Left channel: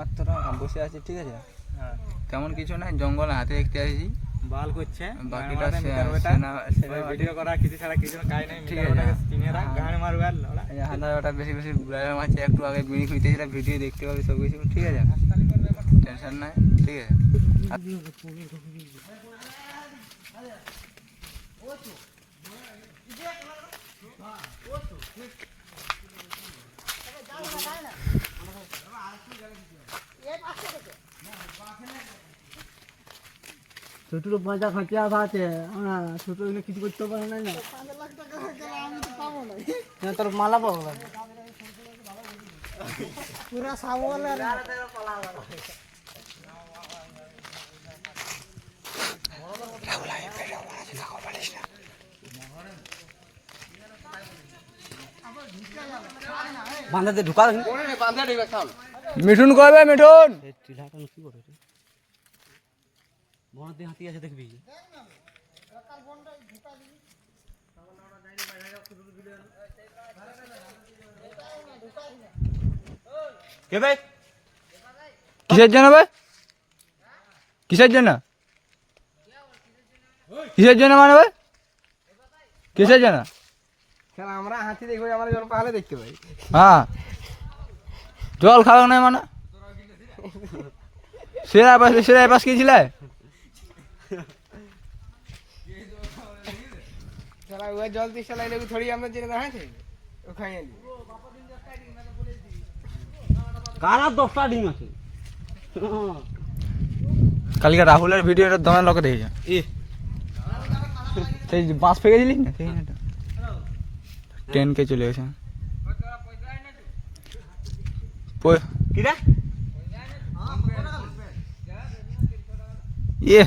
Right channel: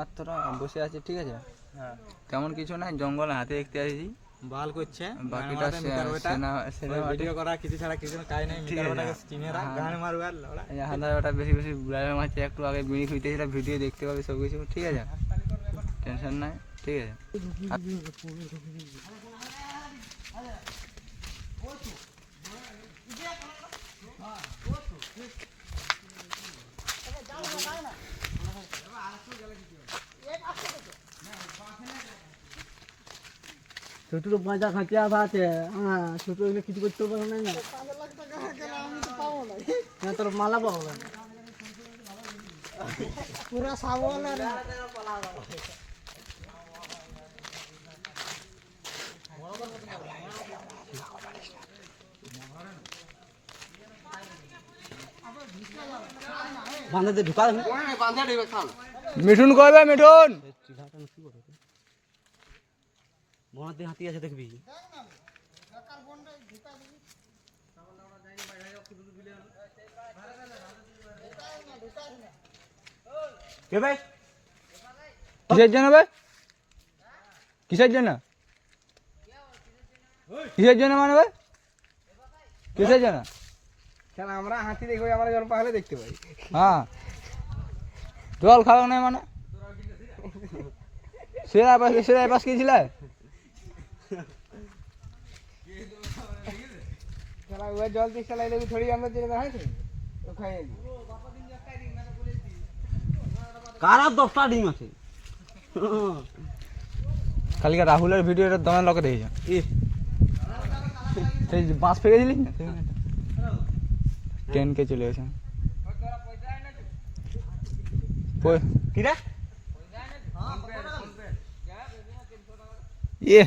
মাত্র বসে আছি, ঠিক আছে। তেমন কিছু নাই, জঙ্গল হাতে দেখতে আসছি, বাল করছে বাকিটা ভিডিও করা কিছু ছাড়া কিছু কাজ নাই। মিটারটাকে চিনে রাখ, গানে মারবে আর লড়া। হাঁটা বেশি বেশি ঘুরাবে মারছে। একটু আগে বিড়ি খুঁজতেছিলাম, ভিডিও দেখতে পাবে সব কিছু, ঠিক আছে, টেনশন নাই, ঠিক আছে। ছোট বাজার খাঁচিয়া আছে, ছোট হলে কিছু করতে পারে না। তোর মালা পাবো পুরা সাবল বাঁধাতে ঢুকা মিঠুন করবে, মিঠুন বনাতে হাতি আছে দেখবি। কিসের জন্য ভাই, কিসের জন্য, কিসের জন্য মানে ভাই, কিসের জন্য? আমরা হাতি দেখবো, আমরা জল পাহাড়ে দেখতে পাই। হ্যাঁ, জল খাওয়া নাই মানে সেরা পাশ গিয়েছিলে জল দিচ্ছে থোড়ি আমরা জেনে দেখা কারা 10টা ডিম আছে। কালকে রাহুলের ভিডিওটা তোমার লোকে দেখেছে, সেই বাঁশ ফেঁকেছিলিস না, সেই 10K চলে গেছে। ইয়ে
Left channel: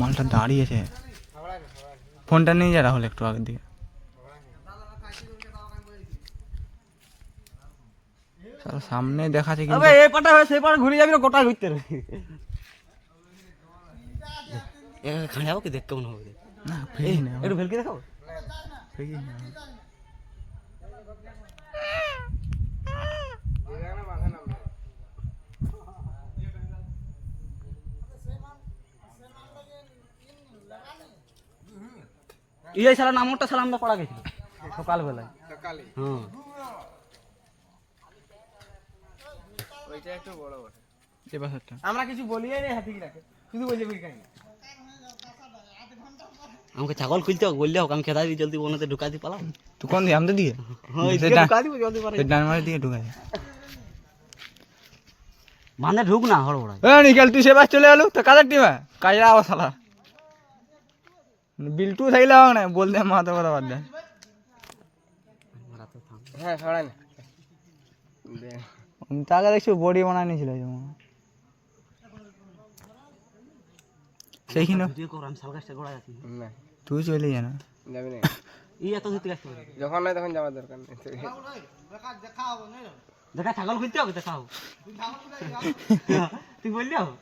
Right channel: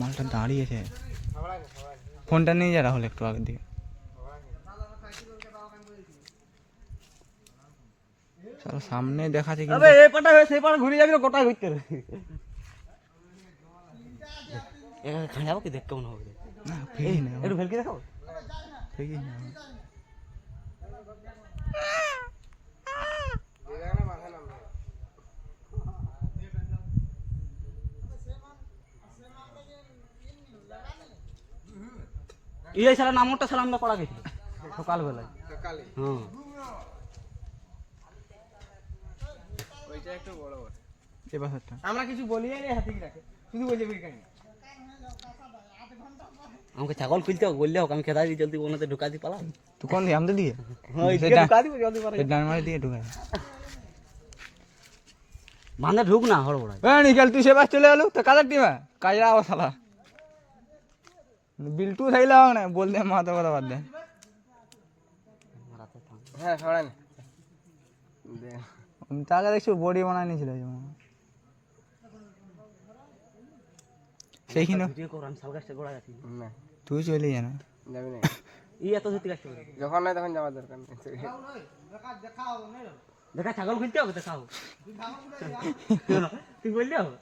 মালটা দাঁড়িয়েছে, ফোনটা নিয়ে যা রাহুল একটু আগের দিকে। সামনে দেখাচ্ছে কিন্তু এই পাটা হয় সেই পাটা ঘুরে যাবি না, গোটা ঘুরতে খাই যাবো কি দেখ কেমন হবে না, ফেরি না, একটু ভেলকে দেখাবো, ফেরি না। এই সালা নামটা সালা আমরা করা গেছি সকালবেলায়। আমরা কিছু বলি হাতি রাখে, শুধু বলছে আমাকে ছাগল খুলতে বললে হোক, আমি খেদা দিই জলদি ওনাতে ঢুকা দিই পালাম। তুই কোন দিকে, আমাদের দিকে? ঢুকা দিব জলদি পারে, ডান মারের দিকে ঢুকাই বাঁধে ঢুক না হড়বড়াই। নিকাল তুই সেবার চলে এলো তো কাদের টিমে কাজে আবার শালা বিল্টু থাকলে হোক না, বলতে মাথা কথা বাদ দেয়। হ্যাঁ ছড়াই না, তাকে দেখছি বডি বানায় নিয়েছিল সেইখানে। তুই চলে যা না, যাবি না, যখন নাই তখন যাওয়ার দরকার নেই। দেখা ছাগল খুলতে হবে, দেখাও তুই বললি হবে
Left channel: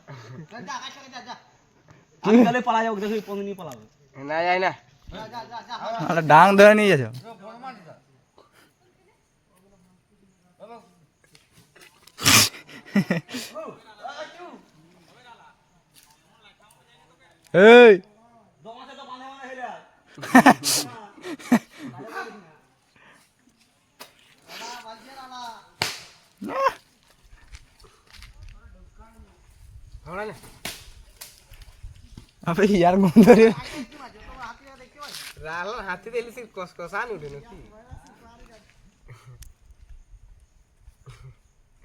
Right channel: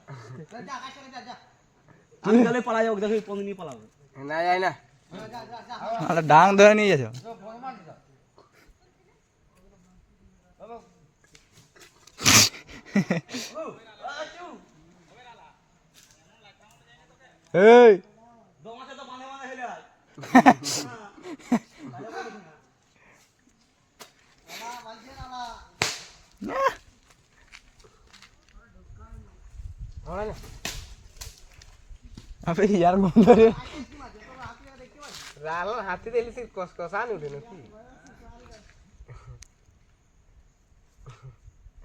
পালা যাবো, দেখো পনেরো নিয়ে পালাবো না, যাই না, ডাং ধরে নিয়ে যাচ্ছ। এই আপনি ইয়ার গুণ ধরে হাতি দিলি কষা নি উঠে নাকি?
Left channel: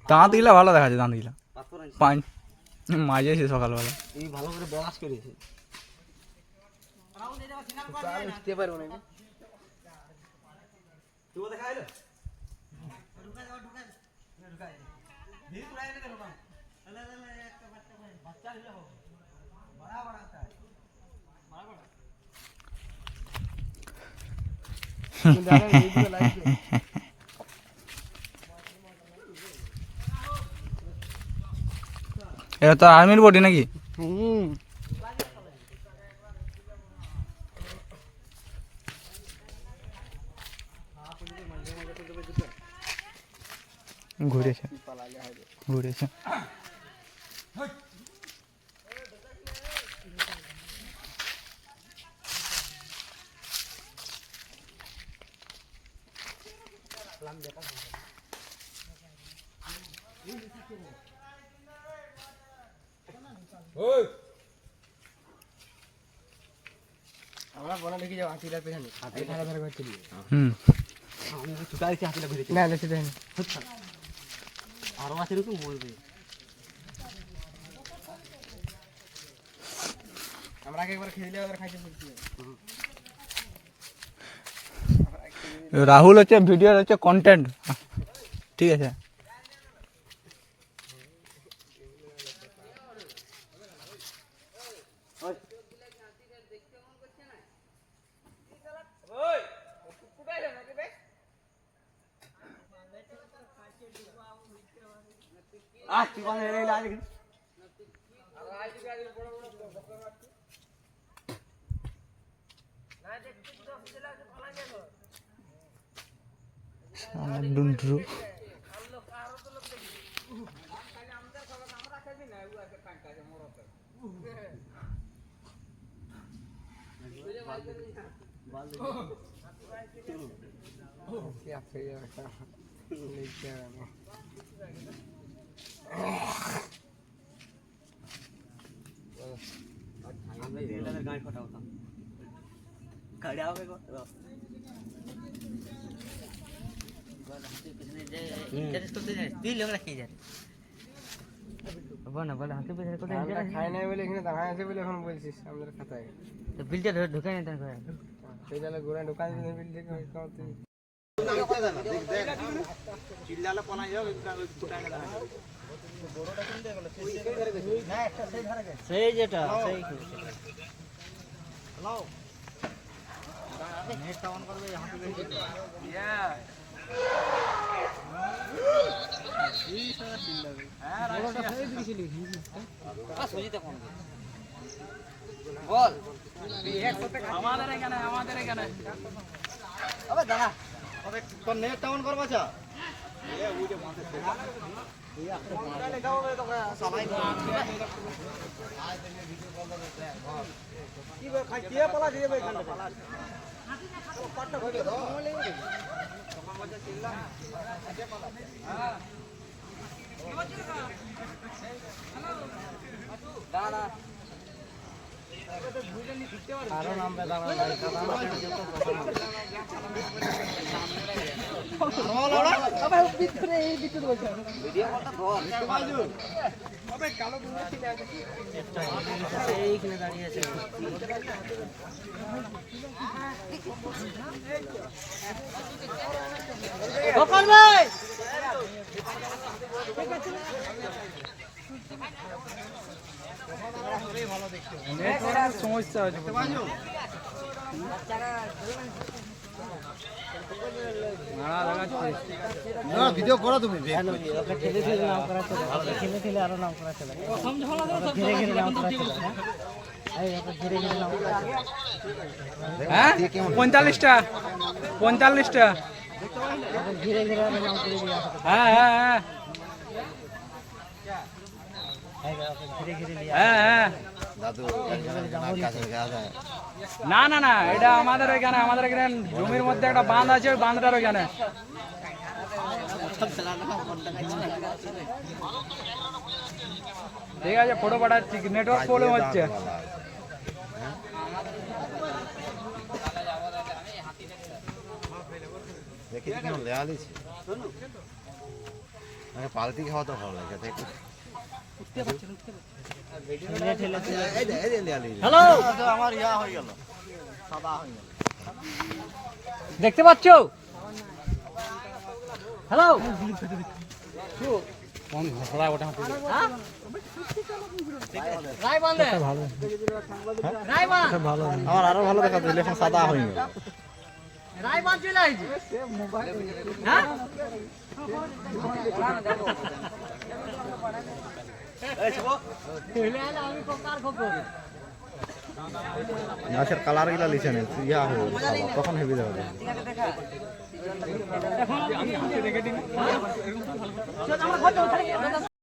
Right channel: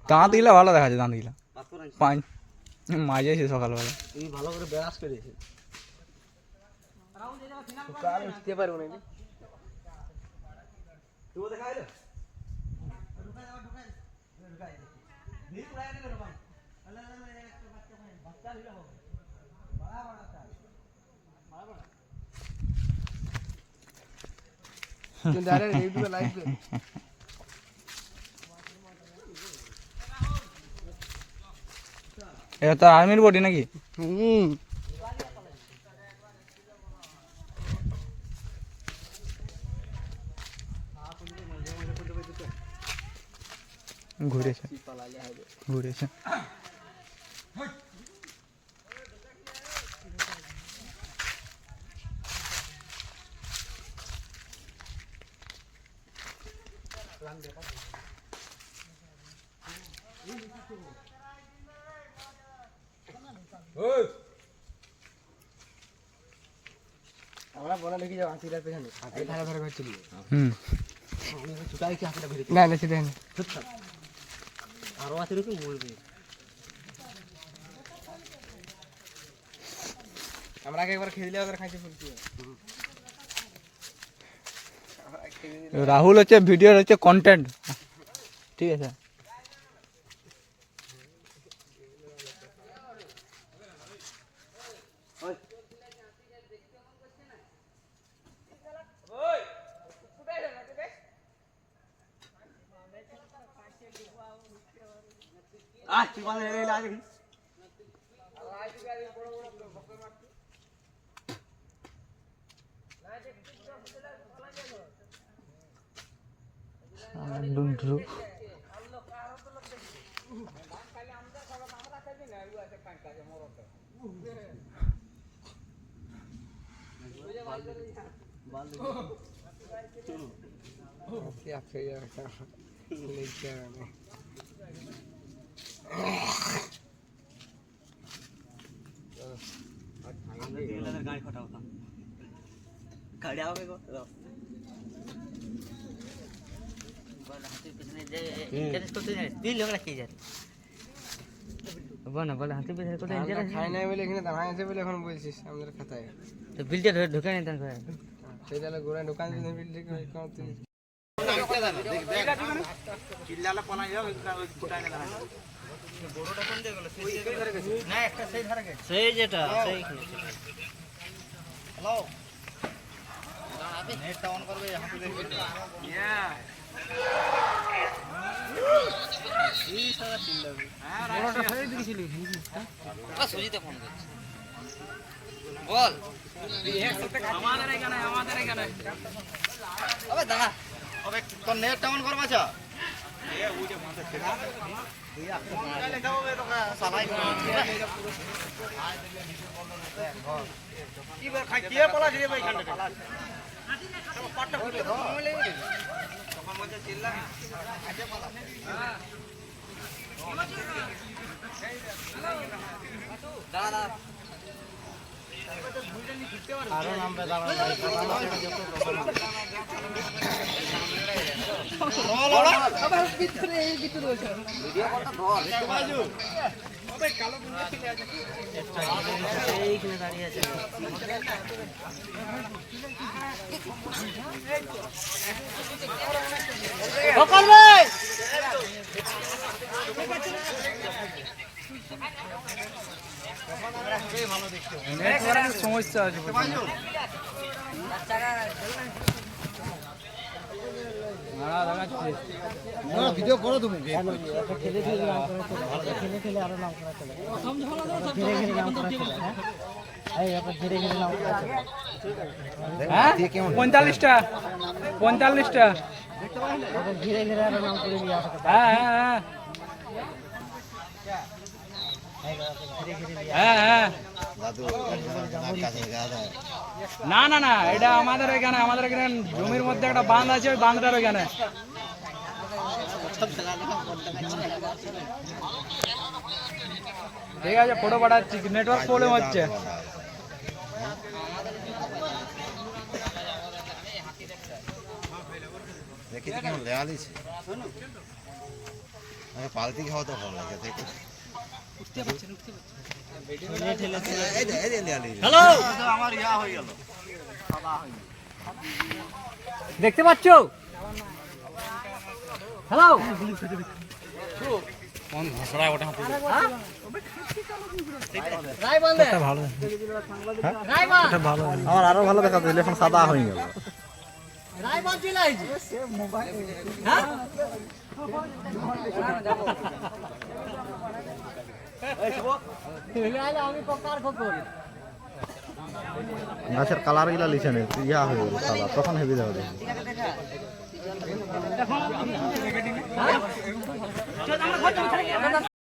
দাঁত গিলা ভালো দেখা যায়, দাঁত গিলা পাঁচ মাঝেছে সকালবেলা। এই ভালো করে ব্যাস করেছে, উঠতে পারবো নাকি? এটা তো আর্মির বডি নাকি? ঘুরেছে ঘুরেছে আমরা বনা দেখি যাও হাতিটা পেছনে হাতি ধারে ধারে ঘর চলি হুম ছুটা দেখছি হাতিটা ঘুরে না না সেটা না আরো হাতি তো বলবে আমরা আগে একবার খেয়ে দিলে ওদের খাইতে শিখছি রাহুল হচ্ছে ভিডিওর হচ্ছে কন্টেন্ট ঠিক আছে তুই কোন হেরে এলে আগে ডুন্ডু খাই নাই বলে এখানে দাঁড়ায় আছে বলে এখন বলছিস আমাদের খাতায় তো বিলটা ঢুকে নিতে হবে সেটা গোড়া দোকান যদি বিল ঠিক হয় করতে চিল্লালে পলা যাও ফুটাই না দাঁড়ায় সেই যেটা সেই হ্যালো নেটটা অন করবে হাতে দেখবে এই সারা চিল্লাবে বড়টা খাই দিয়েছিলি সুজিতে ফোন করছি বল আমাদের এখানে আবে দাঁড়া ওকে তোর নেটটা অন করবা চা কারণ আমরা ভিডিও করতে ধর এইখানে দাঁড়িয়ে আছে নেটওয়ার্কের সমস্যা আছে ভিডিও করো তুমি ঠেলে ঠেলে নাম করা চলে ঠেলে ঠেলে আরো নাম করা চলে ধীরে ধীরে নাম করা চলে ধীরে ধীরে নাম করা হ্যাঁ 45টা 45টা ধীরে ধীরে আরো নাম করে দিয়ে আসে হ্যাঁ হ্যাঁ হ্যাঁ হ্যাঁ হ্যাঁ না না না এটা আমাদের এখানে জমির মধ্যে একটা বাঁধ আছে ওই বাঁধটার ওইখানে ঠিক আছে ফটো পাঠাচ্ছি নেটওয়ার্ক প্রবলেম হচ্ছে পালতি খাওয়া তো ভালো লাগে হ্যালো আমার ইয়া হয়ে গেল দেখতে পাচ্ছ হ্যালো কোন ঘোড়া ওটা হাতে ভালো ভালো আমার আরো ভালো দেখা দিলে এখন সাদা হয়ে গেল গাছের কালার গুলা লিখে নেই ইয়া হয়ে গেল সাদা তখন হেগে যাবে আমি হাতে রেখে দিই আমরা ঘর যাবো,